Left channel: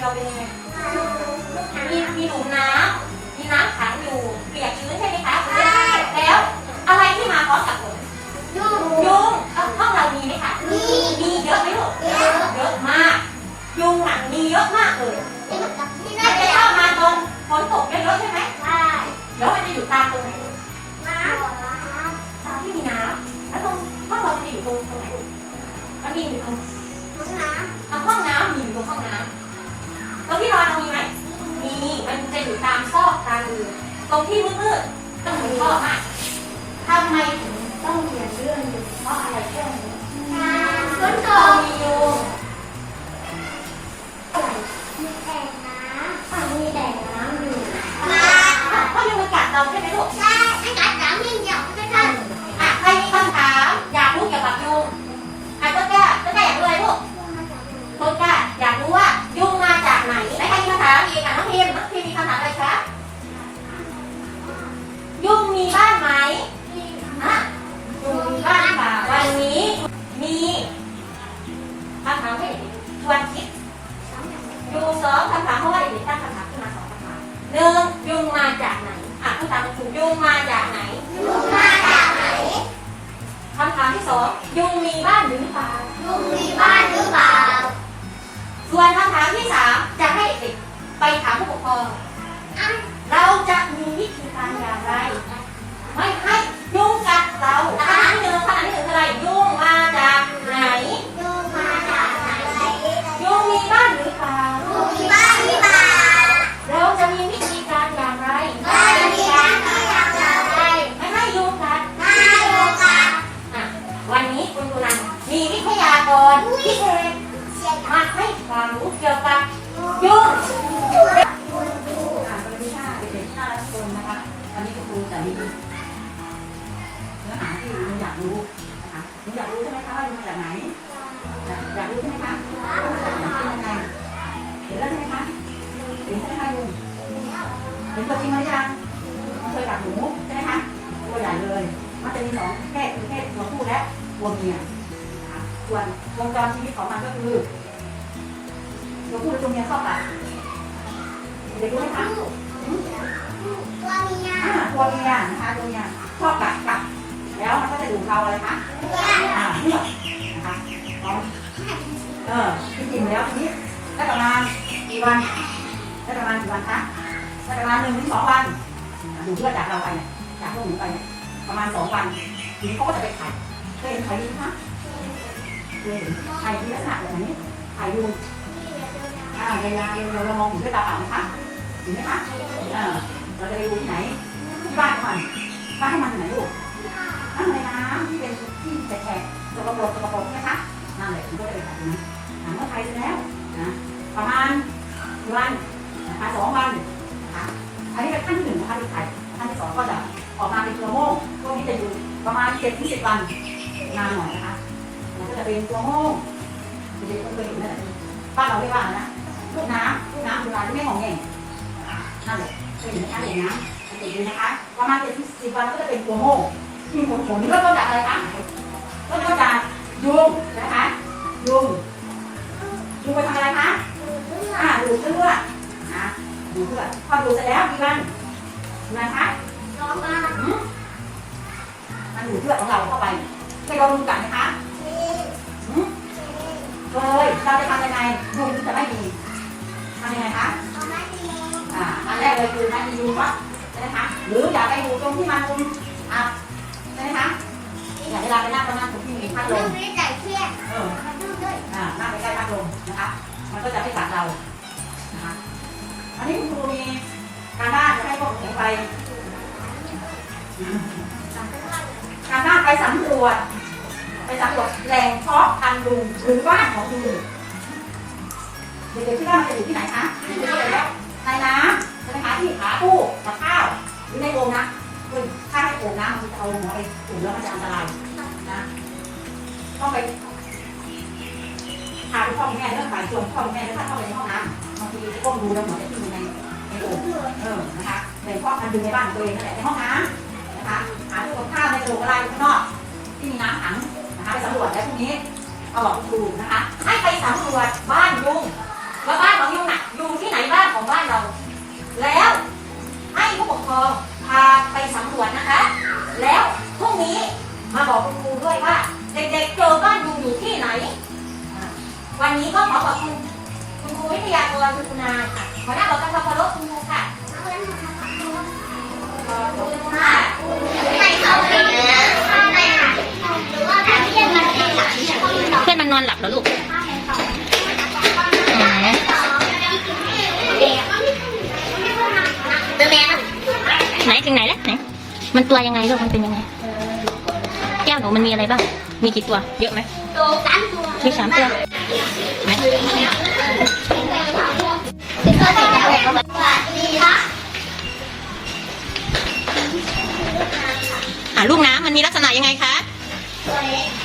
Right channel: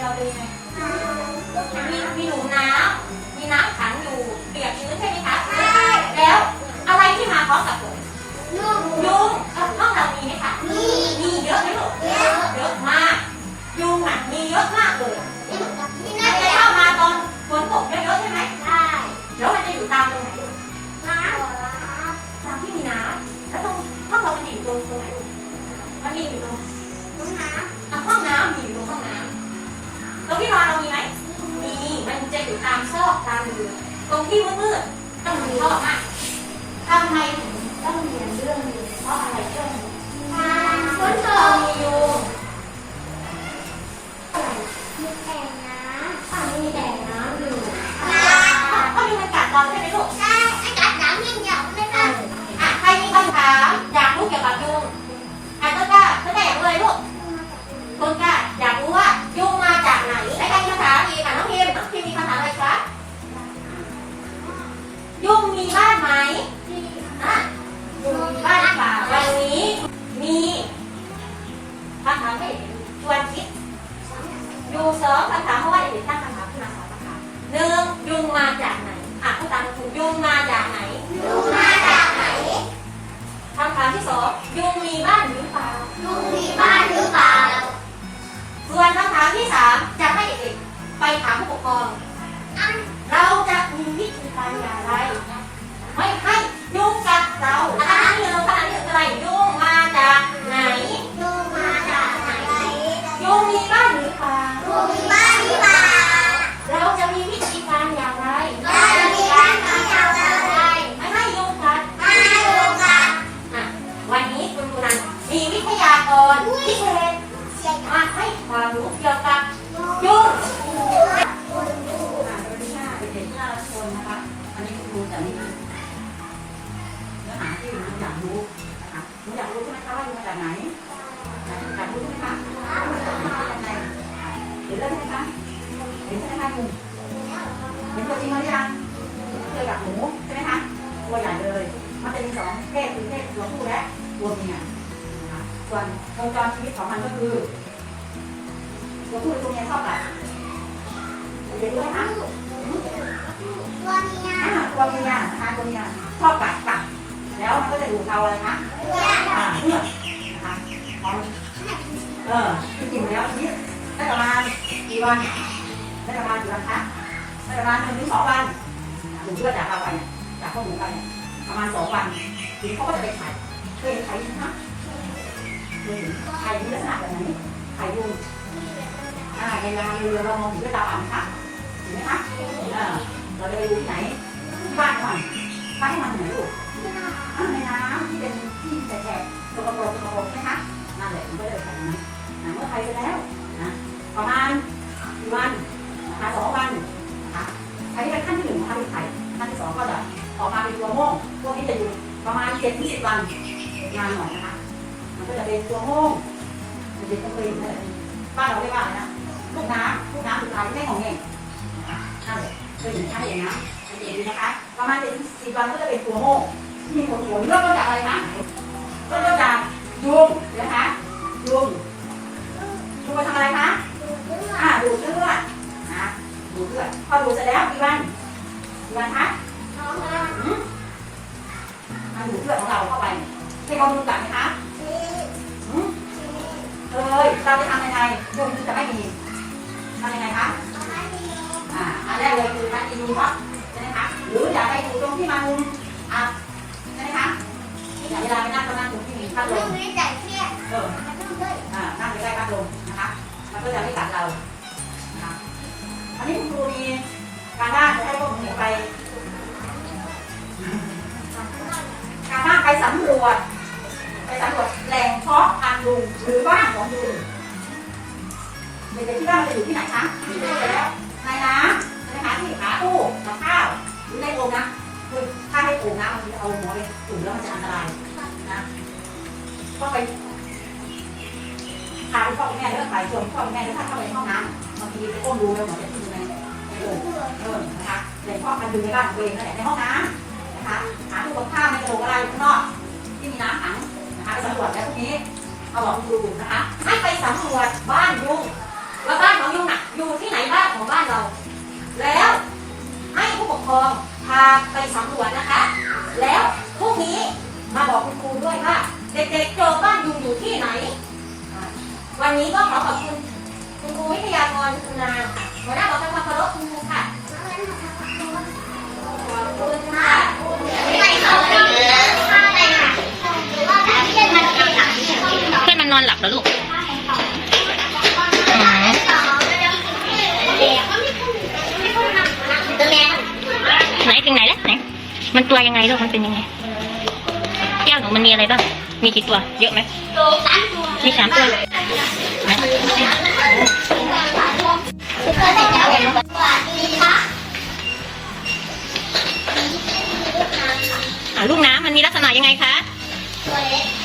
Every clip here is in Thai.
เราเป็นไงมีมีหนูน้ำมีน้ำขังอยู่เปียกชื้นใช่ไหมคะแล้วอะไรที่มาพร้อมกับ ไหมคะมีเยอะไหมลูกเยอะมากยุงอะมีเยอะมากเลยมันจะเข้ามาตอนฝนตกเยอะๆใช่ไหมใช่แล้วมันจะอยู่ตามตรงไหนลูกตามที่มีน้ำแล้วตรงห้องเรามันจะอยู่ตรงตรงไหนมันมีอยู่ตรงอะห้องน้ำมีอยู่ตรงห้องน้ำตรงที่นอนเรามีไหมมีมันจะอยู่ตามซอกตามรูตรงที่มืดๆต้องมีท่อมากทำไมถึงต้องเรียนเรื่องยุงเพราะอะไรเรื่องนี้ เรามียุามที่สองยุ วิทยากรพิเศษมาให้ความรู้เกี่ยวกับยุงอ่าสวัสดีค่ะเด็กๆที่น่ารักทุกคนนะคะวันนี้คุณครูจะมีเนื้อหาที่ดูอยากรู้นะคะอยากรู้ใช่ไหมคะมาจากไหนอยากดูใช่ไหมคะเป็นยังไงเห็นแล้วใช่ไหมคะเห็นใช่ไหมคะลุงเห็นตัวจริงมันยังเคยกับหนูใช่ไหมคะตัวใหญ่เลย มันจะมีสองเพศคือเพศตัวผู้และตัวเมียนะคะ ส่วนวงจรชีวิตของมันก็คือตัวผู้และตัวเมียชอบกันเด็กรู้ไหมคะอ่าตัวเมียนะคะตัวเมียชอบกัดกัดแล้วมันก็จะดูดเราเลยคะอ่าเพื่อกนะคะเอาเออจริงๆแล้วทีนี้ได้ประมาณกี่วันได้ประมาณกี่วันคะได้ประมาณหนึ่งถึงสองวันอยู่เพื่อจากเราไปเนี่ยจากพวกหนูไปเนี่ยประมาณสองวันทีนี้เขาก็จะไปไข่เคยเห็นไข่ดินไหมคะเคยเห็ นไข่ที่ลักษณะแบบไหนไข่ดูอ่าในการเรามองเห็นด้วยตาเปล่าไหมคะเห็นไหมคะเออเราจะไปดูที่ไหน ต้นจากอะไรคะเริ่มต้นจากยุงนะคะยุงยุงไปทำอะไรคะอ่าดูดเลือดนะดูดเลือดพอดูดเสร็จแล้วกี่วันกี่วันคะอืมมันดูดเลือดของเราเข้าไปในกองมือกัดไนั่งนะคะ มันก็จะไม่กัดเรานะคะอันนี้คุณครูมีการบ้านจะให้พวกหนูไป การบ้านไปสำรวจ ไปสำรวจแหล่งเพาะพันธุ์ลุงหรือบ้านของลุงเด็กๆที่ว่ามันจะอยู่ที่ไหนคะอยู่ที่ไหนแล้วในน้ำใช่ไหมคะที่ขาตู้กับข้าวหรือในโอ่งนะคือถ้าให้โอ่งน้ำมันจะเอาหัวไปจุ่มแล้วมันจะอันตรายนะต้องไป พาพ่องแม่เลือกไปชวนพ่อแม่เลือกเข้าไปในห้องน้ำบางทีก้มดูแล้วหมือจะที่อยู่ในในโอ่งเออนะคะเลยพ่อกันดูในบ้านตัวเองนั่นแหละในห้องน้ำนะคะหาตัวข้าวในโอ่งอะไรข้างนอกที่มีน้ำขังนะคะไปสำรวจแล้วพวกนี้เอาบอกคุณลุงนะคะให้ไปสำรวจบ้านยุงว่าบ้านของยุงน่ะอยู่ที่ไหนบ้านของบ้านเรา แล้วให้ผู้ปกครองพาไปสำรวจนะคะ แล้วพรุ่งนี้มาบอกคุณครูด้วยว่า เด็กๆเจอบ้านยุงอยู่ที่ไหน วันนี้ก็ขอขอบคุณคุณครูวิทยากรคุณนาค่ะหัวหน้าบอกการเคารพคุณครูค่ะขอบคุณค่ะเพื่อนมันนอนหลับแล้วลูกอ๋อไหนถึงไหนแล้วไหนมันตัวยังไงลูกมันเป็นยังไงแก้วหนูมันมีอะไรบ้าง มีกี่ตัว เยอะไหมมีสามตัว ลูกน้ำมันมีลักษณะยังไงคะตัวเล็ก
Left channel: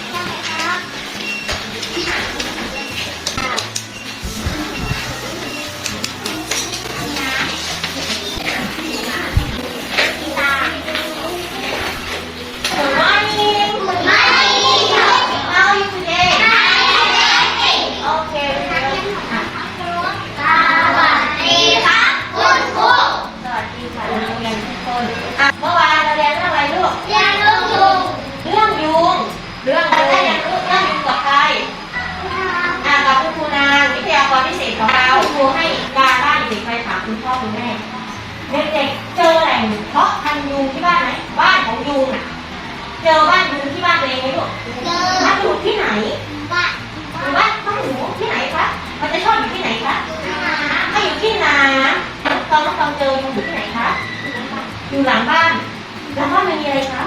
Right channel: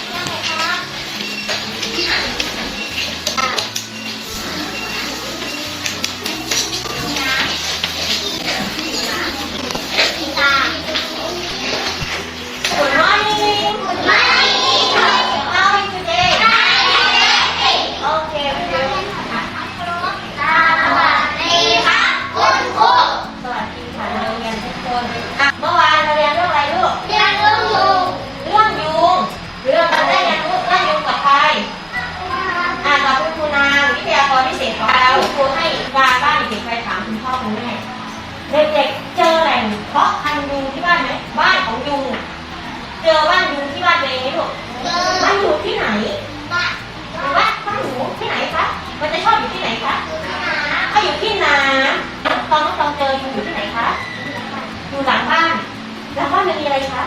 มีอะไรคะ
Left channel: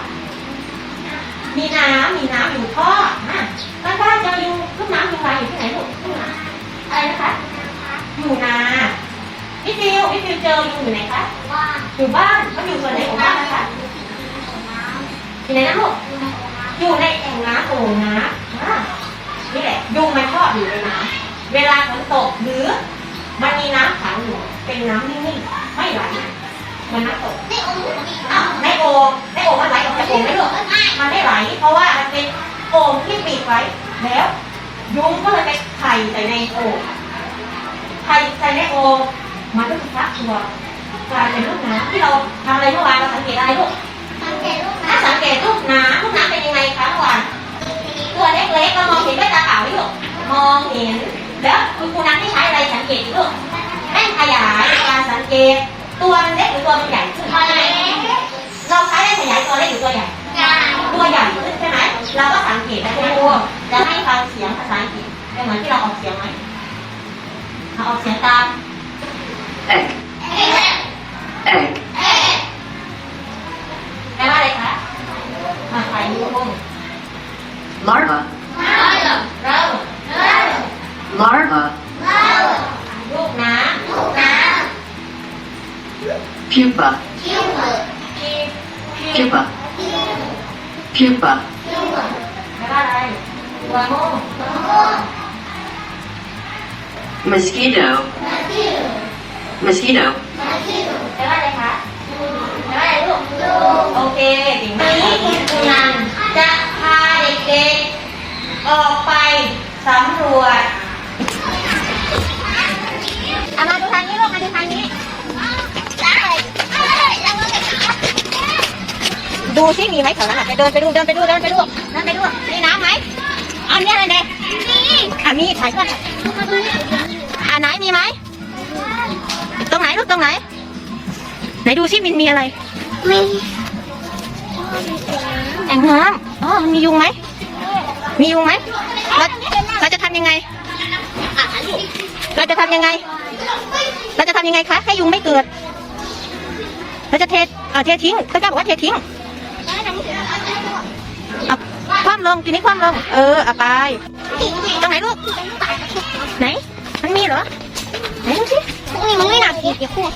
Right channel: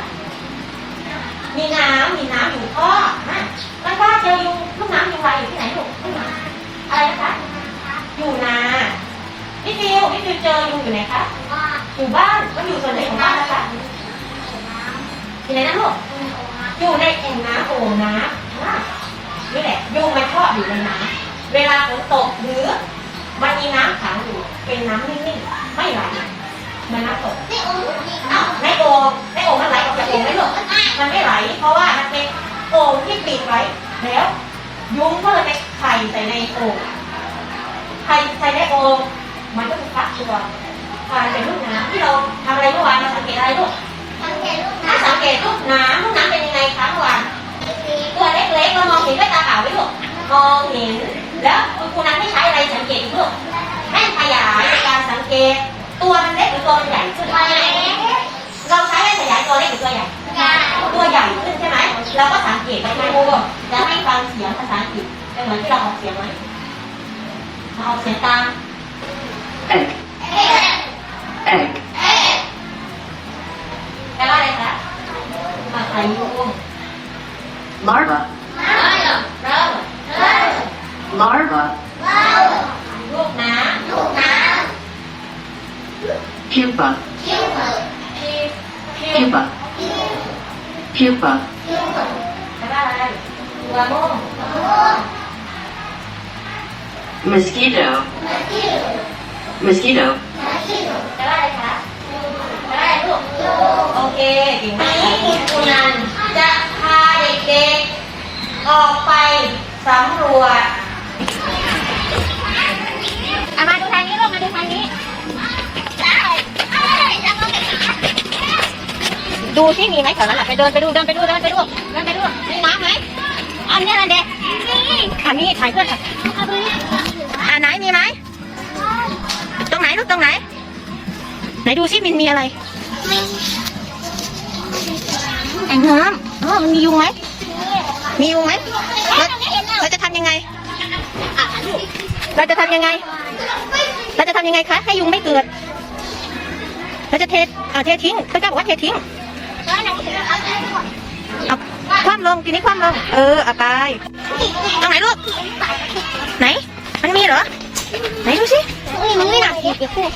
มีน้ำมีน้ำอยู่ท่ออะบ้านบ้านเจอยุงลูกน้ำยุงลายอยู่ที่ไหนลูกลูกน้ำอะไรนะคะ อยู่นาพี่ฟิวพี่ฟิวเจอยุงอยู่ไหนคะ อยู่บ้านมันอยู่ส่วนไหนของบ้านนะคะอยู่ไหนนะลูกอยู่ในแอ่งน้ำโอ่งน้ำนี่แหละยุงมันชออยู่ในน้ำเวลาฝนตกหรือมันมีน้ำขังอยู่เป็นน้ำนิ่งๆไม่ไหล มันน้ำตกอ้าวในโอ่งในโอ่งมันไหลออกจากโอ่งไหมลูกมันไม่ไหล เพราะว่ามันเป็นโอ่งที่ปิดไว้แล้วยุงก็เลยไปไข่ใส่ในโอ่งไข่ใส่ในโอ่งมันก็จะฟักตัวกลายเป็นลูกน้ำที่เราทำอะไรเมื่อวานเราสังเกตอะไรลูกถ้าสังเกตลูกน้ำลูกน้ำเป็นยังไงคะเมื่อวานตัวเล็กๆเรามองเห็นด้วยตาเปล่าไหมลูกมองเห็นแล้วคุณครูนั้นให้ใช้อะไรสังเกตลูกให้ขยายในการสังเกต ตัวเล็กหรือตัวใหญ่ขึ้นเราใช้ได้ขยายตัวเล็กหรือตัวใหญ่ตัวใหญ่ขึ้นใช่ไหมเราก็สังเกตนะคุณครูจะให้ฟังเสียงภาษาอังกฤษเป็นเหมือนที่เราออกเสียงไหมเราออกเสียงตามแปลว่าอะไรคะมาขายยุ่ง Larva. เรา larva, pupa, ำคิ้ว pupa, pupa, แล้วก็อะไรตัวมุ่ง mosquito, mosquito, แล้วก็อะไรคะแล้วก็อะไรลูกโอเควันนี้คุณครูนันจะพาเด็กๆออกไปสำรวจ เอามาดู ดูซิมีไหมแถวนั้นอะไปเดินไปดูเดินไปดูเดินไปดูเดินไปดูมีน้ำไหมอันนี้อะไรเนี่ยอันนี้ถ่ายเพื่อนค่ะอ่าไหนมีไหมตรงไหนลูกตรงไหน ไหนดูซิมันมีอะไรแอ่งน้ำอ๋อมียุงไหมมียุงไหมเราเราจะทำยังไงเราจะทำยังไง เราจะทำยังไงคะให้ยุงไม่เกิด เราจะเทเอ่อเททิ้งเขาจะบอกว่าเททิ้ง เอาคว่ำลงทีนี้คว่ำลง เออเอาไป ตรงไหนลูก ไหน มันมีเหรอ ไหนดูสิมันไม่หนักเดี๋ยวพูด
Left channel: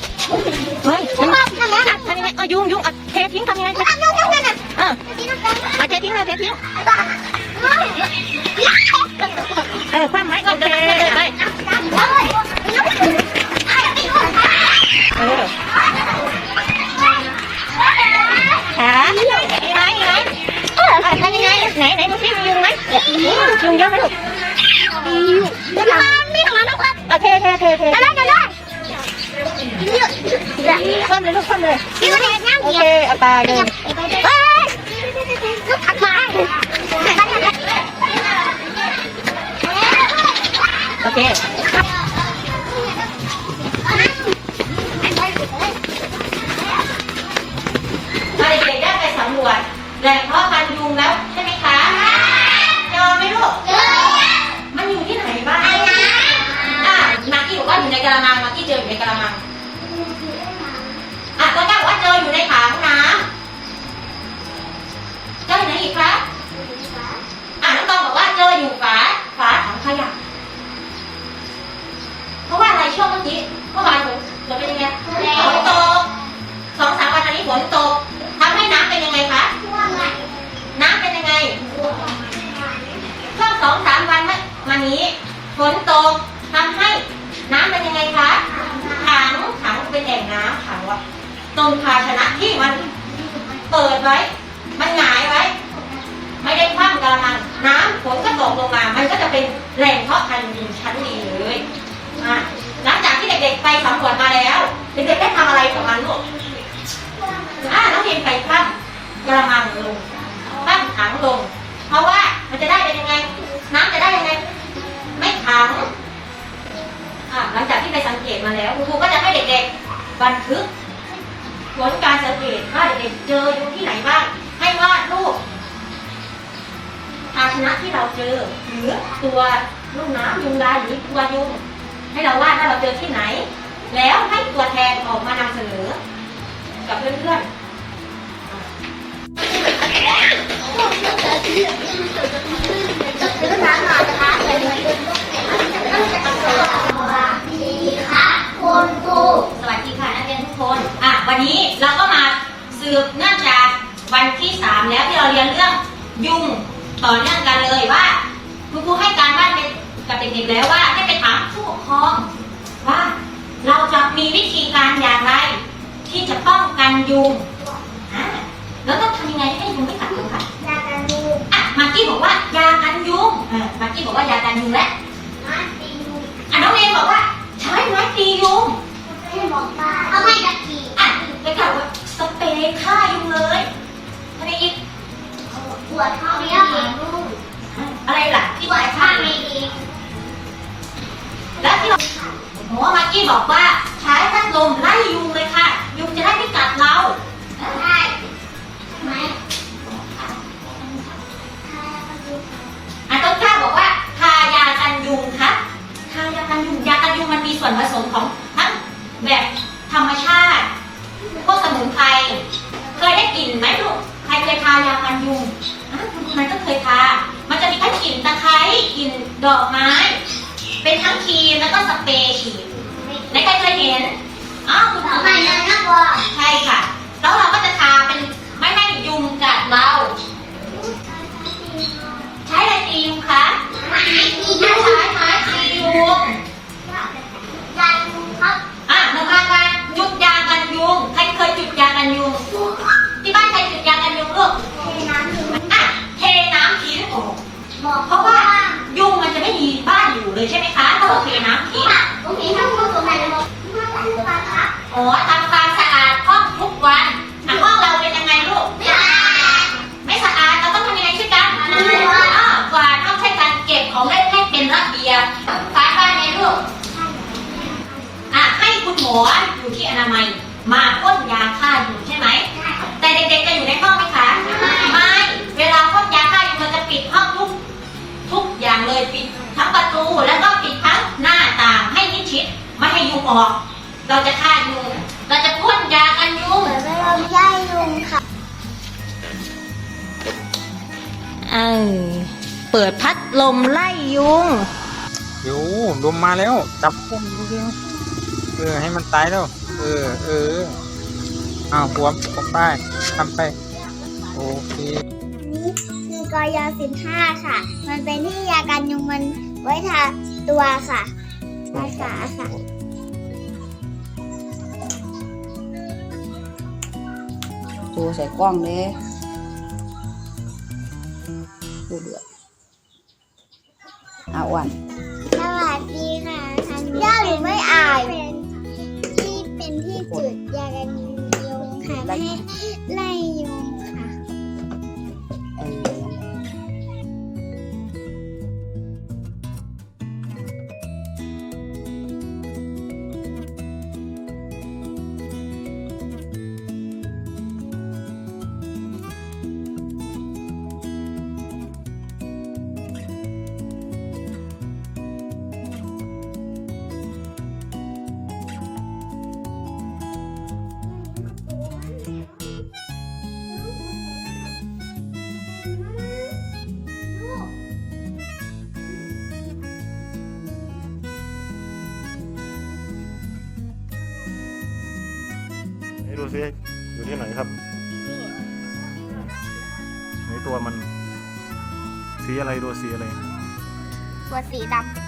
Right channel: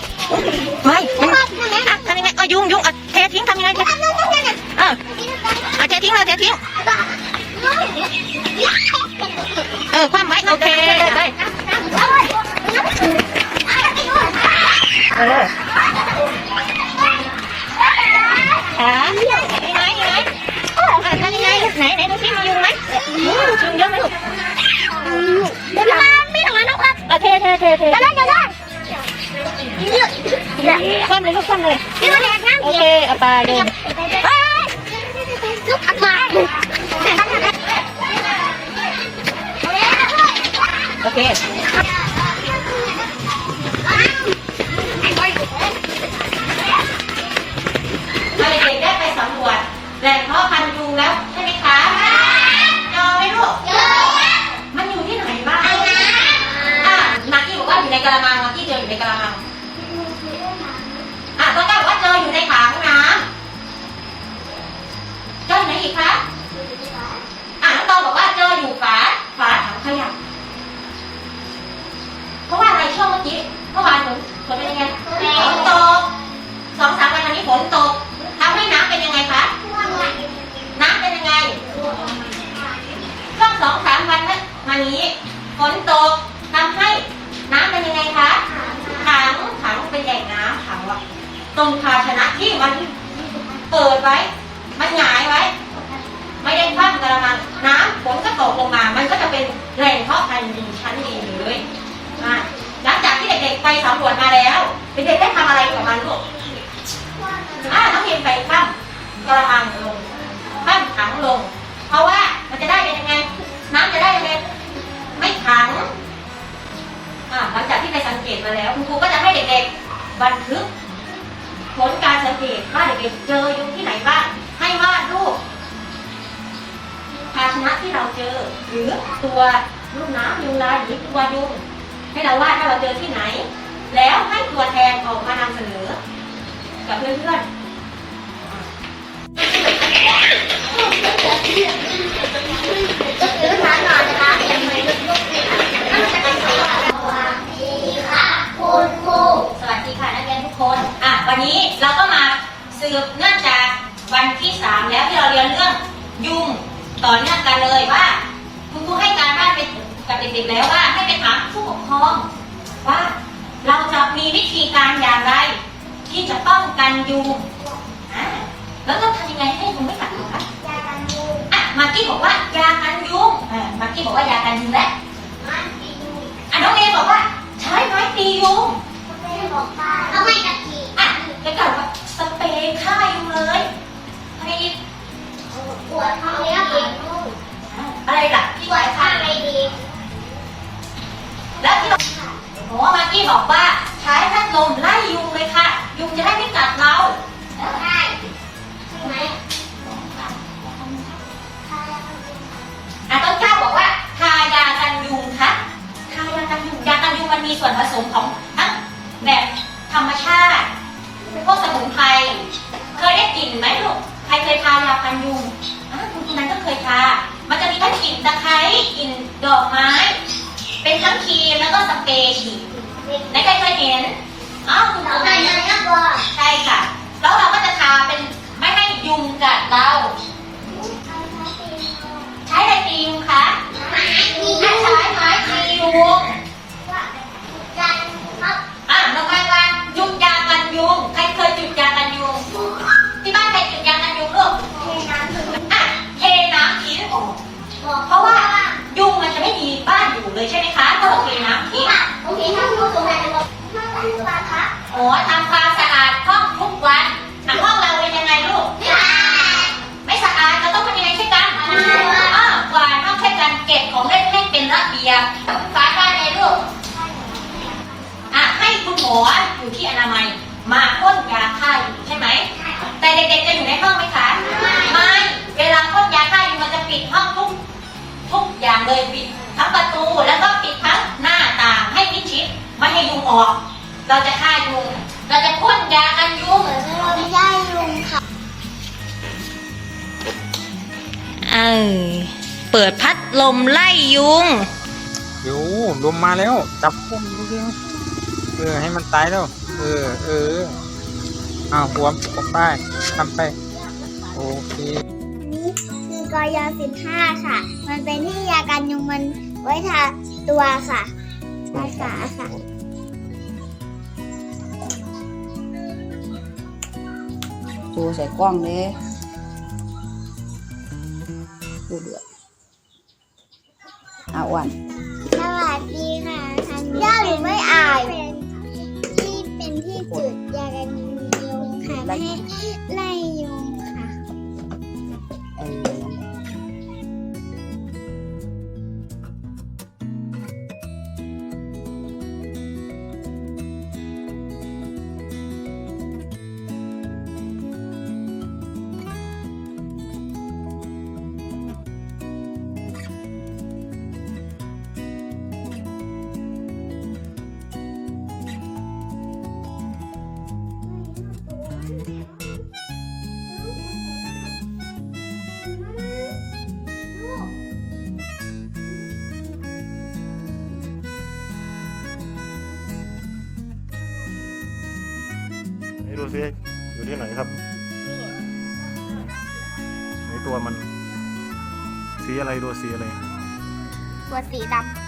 ไม่มันอะทำยังไงเออยุงยุงอะเททิ้งทำยังไงคะอะอะเททิ้งเลยเททิ้ง เออคว่ำไว้โอเคเออ ไหมมีไหมทำยังไงไหนไหนดูสิมียุงไหมยุงเยอะไหมลูกไม่ทำแล้วครับอะเทเทเทเทจะได้จะได้เยอะคว่ำเลยลูกคว่ำเลยโอเยเคอะเอาไปเลยลูกขัดมาโอเค แหล่งเพาะพันธุ์ยุงแล้วใช่ไหมคะเจอไหมลูกมันอยู่ที่ไหนบ้างอะนักกี้บอกว่าอยู่ในกระมังนักกี้เจออยู่ในกระมังอะต้นกล้าบอกว่าเจออยู่ในถังน้ำเจออยู่ไหนอีกคะอะน้องตองบอกว่าเจออยู่ฝาฝาถังขยะเพราะว่าอะไรช่วงเมื่อกี้เมื่อวานฝนฝนเป็นยังไงฝนตกสองสามวันอันนี้ฝนตกทำให้น้ำเป็นยังไงคะ น้ำเป็นยังไง ช่วงสองสามวั นมานี้ฝนตกทำให้น้ำเป็นยังไงคะถังถังเป็นแหล่งน้ำถังว่าตรงภาชนะที่มันเปิดไว้ มันหงายไว้ ไม่ได้คว่ำกระมังน้ำฝนก็ตกลงมา มันก็จะเป็นแหล่งเพาะพันธุ์ชั้นดีเลยหลังจากที่เด็กๆไปสำรวจมาแล้วเด็กๆได้ทำอะไรกับมันลูกอะน้องเพิมไปคว่ำกระมังลงคว่ำถังลง เพราะว่ามันจะได้เป็นยังไง น้ำจะได้ยังไง ไม่ขังอะหลังจากที่ไปสังเกตมาแล้วคุณครูก็จะให้เด็กๆบันทึกผลการสังเกตว่าเด็กๆเจอยุงที่ไหนบ้างให้วาดรูปภาชนะที่เราเจอหรือตัวลูกน้ำยุงลายหรือตัวยุงให้เราวาดว่าเราเจอที่ไหน แล้วให้ตัวแทนออกมานำเสนอกับเพื่อนๆ วันนี้เราก็มาสืบเนื่องจากวันที่สามแล้วที่เราเรียนเรื่องยุงต่อเนื่องกันเลยว่าคุณครูให้การบ้านเป็นกับเด็กๆแล้วว่าให้ไปถามผู้ปกครองว่าเราจะมีวิธีการอย่างไร ที่จะป้องกันยุงอะแล้วต้องทำยังไงให้ยุงไม่กัดเราคะอะมากกี้บอกว่ายากันยุงอะมากกี้บอกว่ายากันยุงและอะน้องเมย์บอกว่าใช้ไม้ตียุงเอาให้กะทิอะ จะกล่าวว่าสเปรย์ฆ่ายุงเลยอะไรอีกปวดท้องแล้วอะไรล่ะที่ปวดยข้าฆ่างไม่ดีแล้วที่เราหมอมากี้บอกว่าใช้พัดลมไล่ยุงเลยค่ะ ยุงจะได้ไม่กัดเราได้ไหมอะต้นกล้าบอกว่าทายากันยุงค่ะทายากันยุงยากันยุงมันมีส่วนผสมของทั้งแบบธรรมชาติ พวกสมุนไพรเคยได้กลิ่นไหมลูกใครเคยทายากันยุงอะคุณครูนั้นก็เคยทา มันจะมีทั้งกลิ่นตะไคร้กลิ่นดอกไม้ เป็นทั้งครีมแล้วก็สเปรย์ฉีดในใครเคยเห็นอ๋อคุณครูไม่ไม่น่ากลัวใช่ค่ะ แล้วเราก็จะทาเป็น ให้คุณหมออยู่ที่อนามัย มาพ่นยาฆ่ายุงใช่ไหม แต่เด็กๆจะอยู่ในห้องไหมคะ ไม่ เวลาพ่นยาฆ่ายุงมันจะปิดห้องทุกทุกอย่างเลยปิดทั้งประตูแล้วก็ปิดทั้งหน้าต่างให้มิดชิดไม่ให้ยุงออก เราจะฆ่ายุง เราจะพ่นยากันยุงเหมือนเราไม่ได้ยุงค่ะเออเปิดพัดลมไล่ยุงเดี๋ยวลมมาแล้ว จับพวกมันเร็ว เออ ให้มันตายแล้ว เออ เอออ้าวหัวผมไปทำไป โอเคนี่คือกอยาสิบห้าค่ะ มันเป็นที่ยากันยุงมันไว้ทาตัวค่ะทาขาค่ะ ดูใส่กล้องเลยดูเดือดอาวัน สวัสดีค่ะทางนี้ย่าหนูไม่อายที่ เป็นจุดยากันยุงค่ะไม่ให้ไล่ยุง ซิอยู่ที่ไหนครับไหนตัวมัน สีอะไรตัวสีอะไร ตัวสีดอ๋อนั่นเหรอ